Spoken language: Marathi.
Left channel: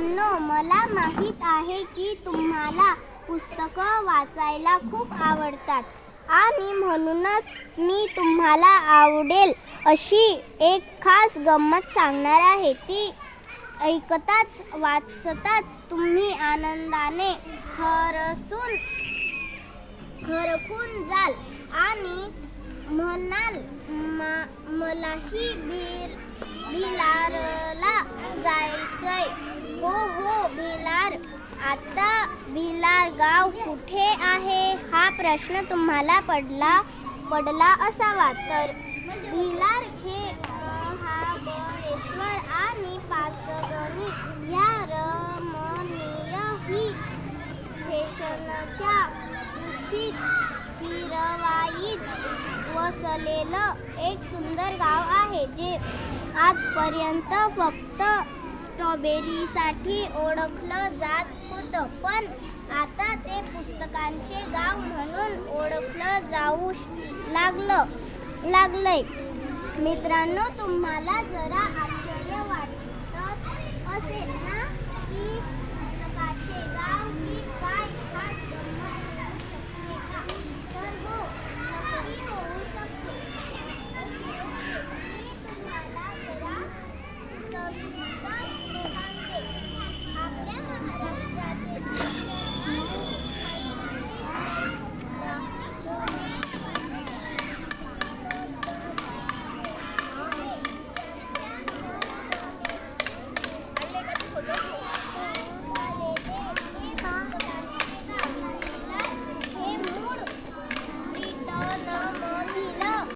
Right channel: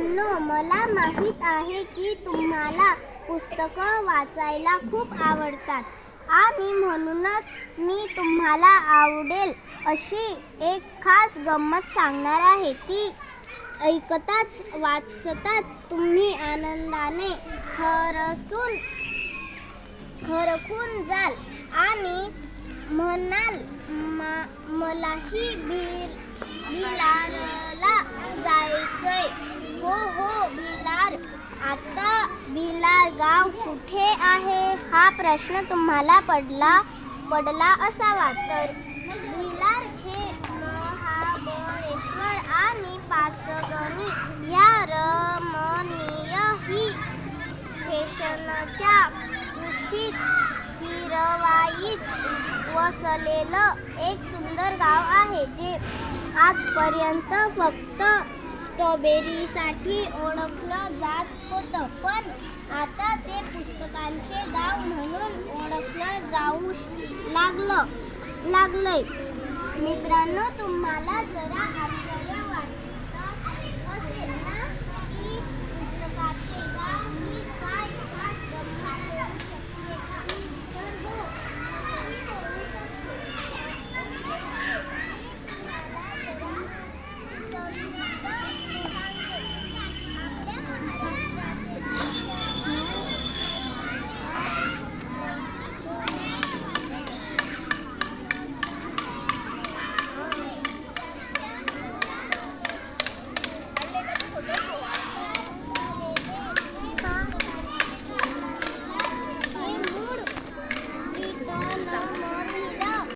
मित्रांनो मला माहीत आहे की तुम्हाला पुस्तकं वाचायला खूप आवडतात. आणि म्हणूनच मी तुम्हाला आवडेल अशी एक खास गंमत सांगणार आहे. ती ऐकताच वाचताच तुम्ही आनंदाने हरसून हरखून जाल. आणि म्हणाल "मा- मलाही भीर भिलारला जायचंय हो हो भिलार आता भिलार गाव कुठे आहे? हा प्रश्न तुम्हाला पडला पडला असावा. तर भिलार हे महाबळेश्वर आणि पाचगणी ह्या रमणीय ही स्टेशनच्या कुशीत हिरवाईत वसलेलं एक सुंदर गाव आहे जे आजपर्यंत फक्त स्ट्रॉबेरीसाठी ओळखलं जात होतं पण आता ते पुस्तकांचे गाव म्हणून ओळखलं जाऊ श- लागलं लागलंय. मित्रांनो तुम्हाला जरा